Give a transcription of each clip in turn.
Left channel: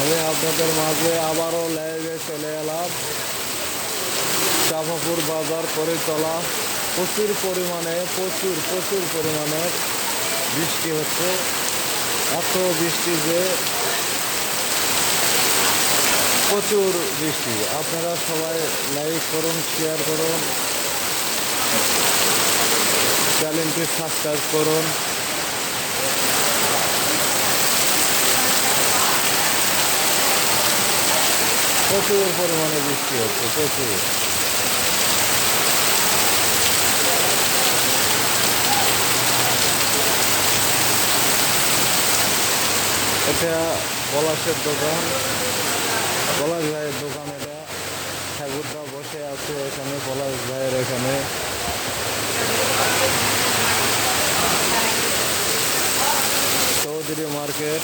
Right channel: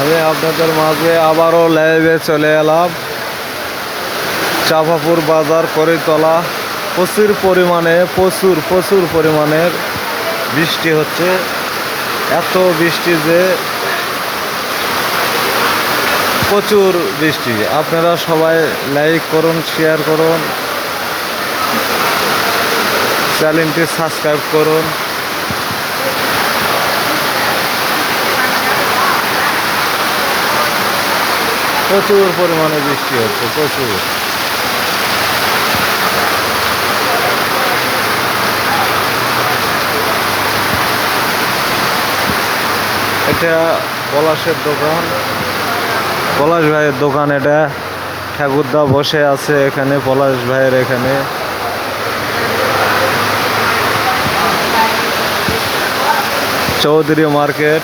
আমি আপনাদের মাঝে আবারও লাইভে চলে এলাম। চাঁপাপুর বাজার করিতলা প্রচুর পরিমাণের বৃষ্টি হচ্ছে। এত বৃষ্টি যে প্রচুর বৃষ্টি। আপনারা সবাই লাইক করুন, শেয়ার করুন, চ্যানেলটি সাবস্ক্রাইব করুন। প্রচুর পরিমাণে বৃষ্টি হচ্ছে, প্রচুর। এটা পলাশের দোকান, পলাশ ভাইয়ের দোকান। এটা ঠাকুরদা বসে আছে এখানে, পলাশ ভাইয়ের এখানে। চৌধুরী মার্কেট।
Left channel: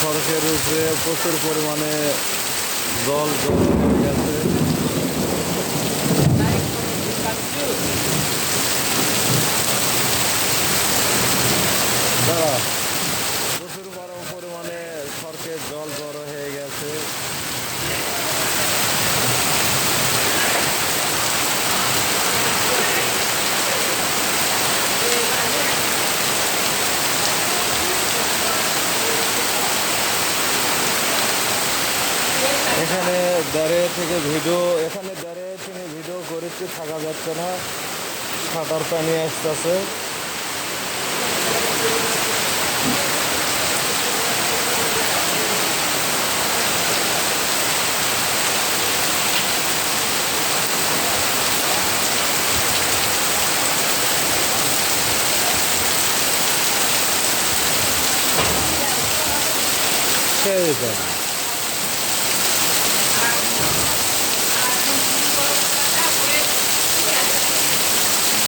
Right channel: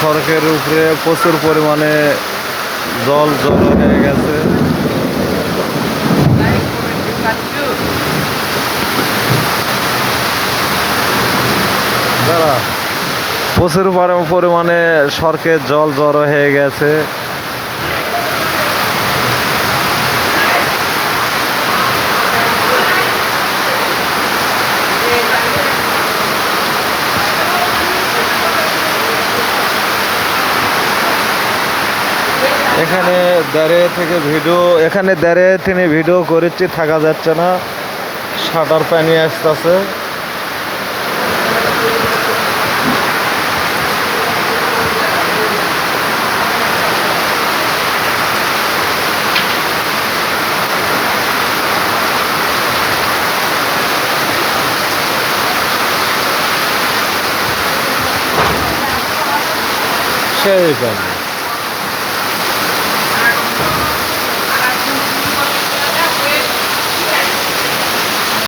সড়কের উপরে প্রচুর পরিমাণে জল জড়ো হয়ে গেছে। প্রচুর পরিমাণে সড়কের জল জড়ো হয়ে গেছে। এখানে দাঁড়িয়ে থেকে ভিডিও করেছি, থাকা যাচ্ছে না, শাটার পানি আসতেছে। সেই পানি।